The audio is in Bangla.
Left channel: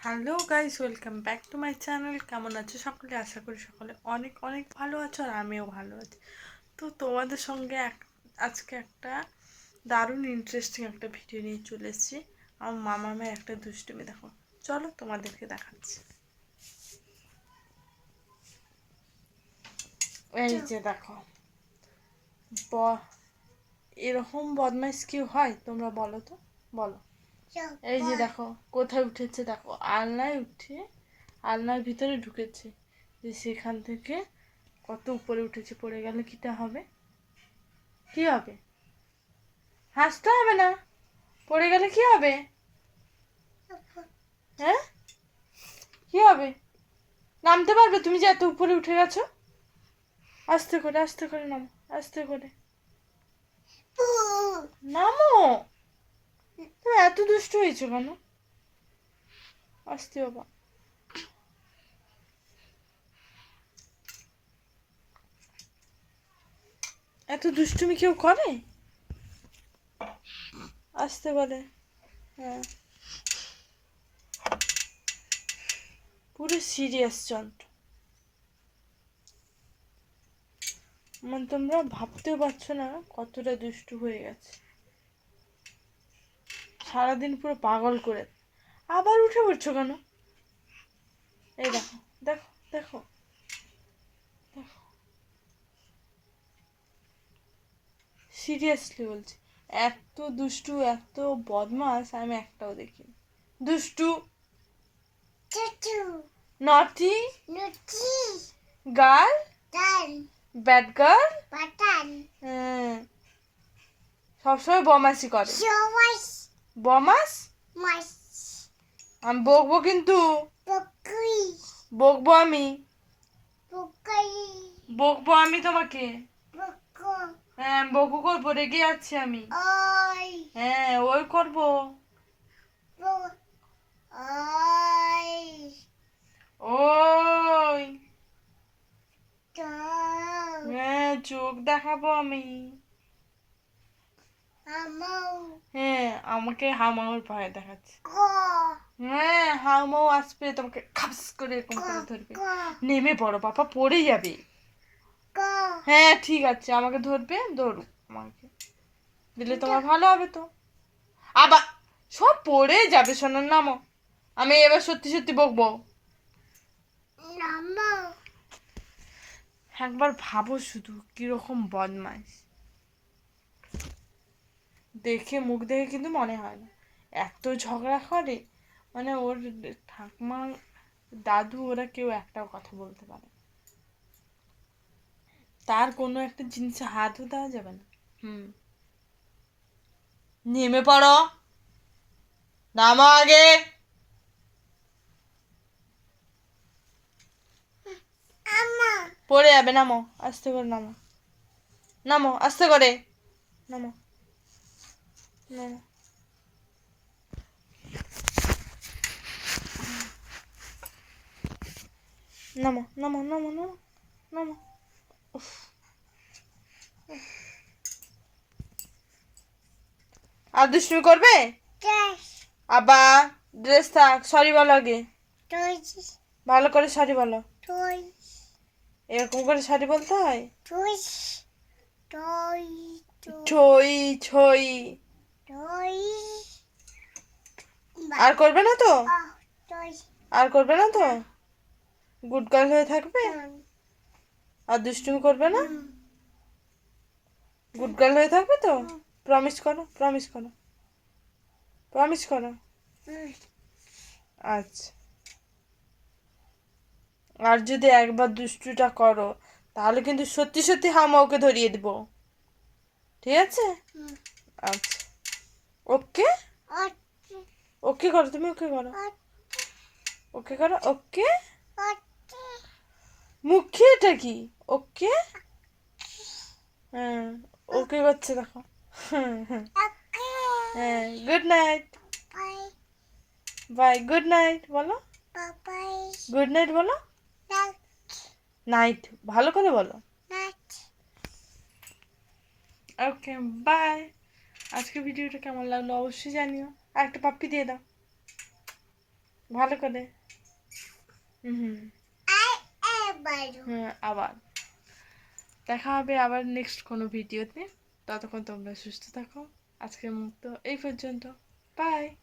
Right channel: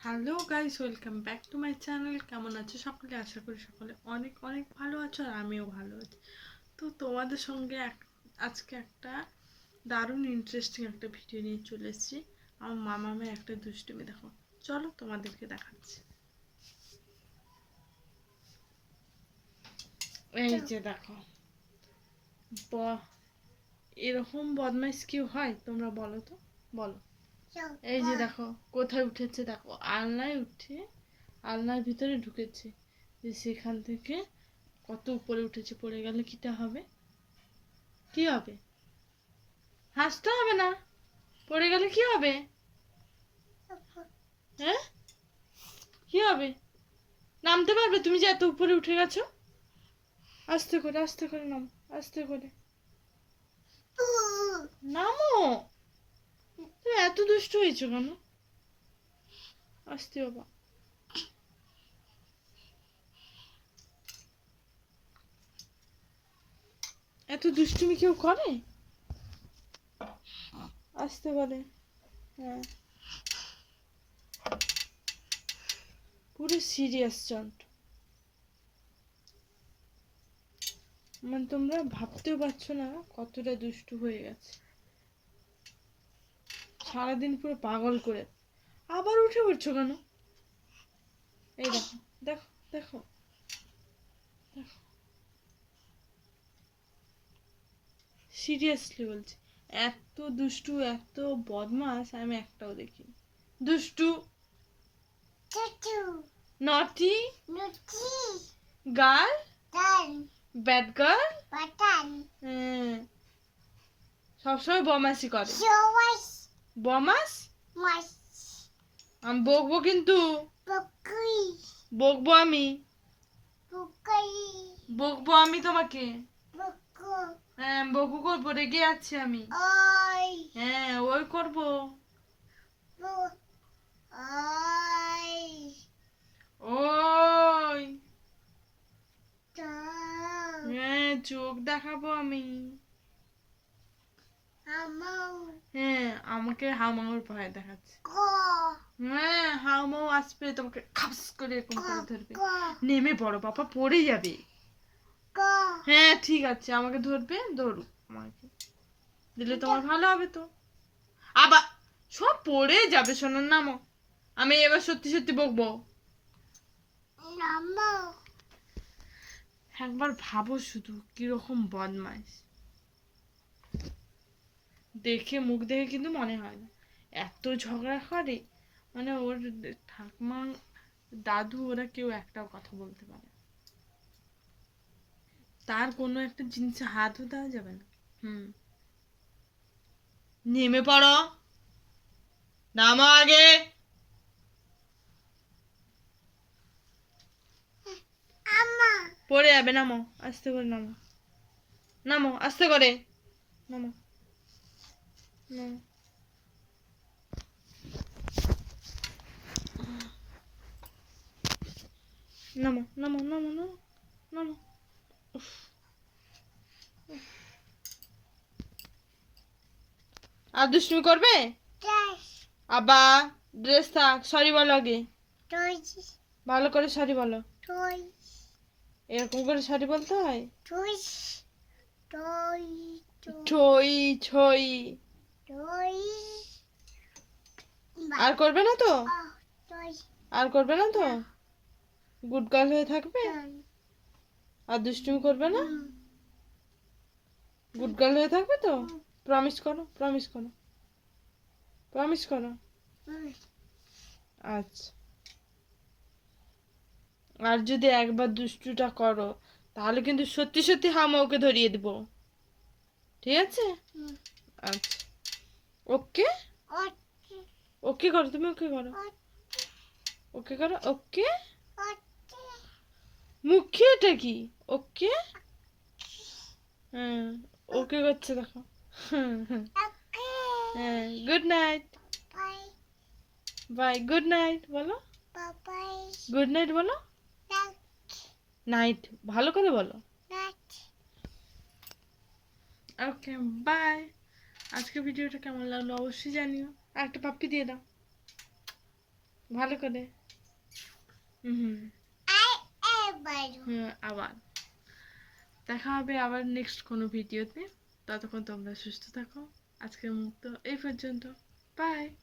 Hello guys, welcome back to my channel. কেমন আছো সকলে? আশা করি সকলে অনেক অনেক ভালো আছো, আর আমিও ভালো আছি। তো তোমাদের সঙ্গে আজকে একটা দারুণ ইন্টারেস্টিং একটা ভিডিও নিয়ে চলে এসেছি। আমার মামামের একটা দুষ্টুমি দেখো, চলো তোমাদেরকে দেখাচ্ছি। এই যে দেখো, এরকম বদমাইশ কি হয় তোমরা বলো তো, বলো। এই যে দেখো কোথায় উঠেছে, দেখো আলনায় উঠে আলনার ভিতরে ঢুকেছে, যে সেখান থেকে কত উপরে উঠেছে। পড়ে গেলে কিটা হবে? কি হবে? হাসতে হবে না, পড়ে গেলে কি হবে? হ্যাঁ, কি হবে? নামতে পারবে তুমি যে এত উপরে উঠে গেছো? আস্তে করে আস্তে করে নামো, আস্তে করে নামো। তুমি এত দুষ্ট হয়েছো কেন? আস্তে বাবা। এত দুষ্টুমি কেউ করে? আস্তে করে। হ্যাঁ, পুরো সিরিয়াস চন্ট। মানে তোমরা ভাবতেও পারছো না কতটা দুষ্টু হয়ে গেছে। সারাদিন পুরো পাগল করে। আবার উঠে পড়ছো কেন? এই দেখো, দেখো, দেখো, দেখো, সিরিয়াসলি বলছি, এত দুষ্টু, এত বদমাস আমি একটাও দেখি। দুষ্টু, নটি, গার্ল, ব্যাড গার্ল, সবসময় বদমাশি করে। বদমাস, আমি বকবো কিন্তু, বকবো আমি, বকবো আমি তোমাকে। হ্যাঁ, বকু করবো, রেগে যাচ্ছি আমি। হ্যাঁ, ওই করবো। ওই, হ্যাঁ, চোখ দেখাবো আমি। হ্যাঁ, আমাকে হাউমাউর ভয় দেখাচ্ছে। হ্যাঁ, হাউমাউ আসবে, তোমাকে খাপস করে এরকম করে ধরবে। নেমে পড়ো বাবা, পড়ে যাবে। হ্যাঁ ঠিক আছে, আমাকে ধরবে, ধরুক আমাকে, দিলে তোমার ভালো হবে তো। আবার সব পড়ে যাবে, শোনার নামও। আমি এবার সত্যি সত্যি বকবো। একবার ভাবো শুধু কিরকম বদমাইশ। দেখে, মুখ দেখে কিন্তু মনে হয় না এত ঝগড়া করে। মানে ওর ঠাকুমা, দাদু, ওরা কেউ একটাও কথা বলতে পারে না। তার কোনো একটা জিনিসে হাতও দেওয়া যাবে না। নেমে পড়ো, নামো আগে। পড়ে যাবে, নামো আস্তে করে, নামো, নামো আস্তে করে, নামো, নামো, নামো, নামো, নামো, নামো, নামো। উফ, আর দুষ্টুমি করবে? আবার ড্রেস থাক, সরি বলো আগে, ভালো করে সরি বলো। এরকম করে সরি বলতে হয়? ছই ছই। আর করবে না তো? আর করবে না তো? গুড গার্ল হয়ে থাকবে, আর দুষ্টুমি করবে না? গুড গার্ল হয়ে থাকবে তো? প্রমিস করো, প্রমিস করো, প্রমিস করো। আচ্ছা, আর যদি একবার দুষ্টুটা করো, তাহলে কিন্তু সত্যি সত্যি হামাওকে ধরিয়ে দিব, ঠিক আছে? আচ্ছা, ওকে, ওকে করো, তুমি ওকে করো, ওকে করো, ওকে। মুখে এটা কি? ওকে, হ্যাঁ, ওকে করছে দেখো। হ্যাঁ, good night, bye, good night বলো, গুড নাইট বলো, নাইট ভালো করে বলো। Okay, bye. আজকে ভিডিওটা কেমন লাগলো অবশ্যই জানিও, আর একটা পাপ্পি দিয়ে দাও। ভালো করে। হুম। হ্যাঁ, আবার দেখা হবে আবার নেক্সট কোনো ভিডিওতে। ততক্ষণ তোমরা সুস্থ থাকো। আজকের মতো এই পর্যন্ত। বাই।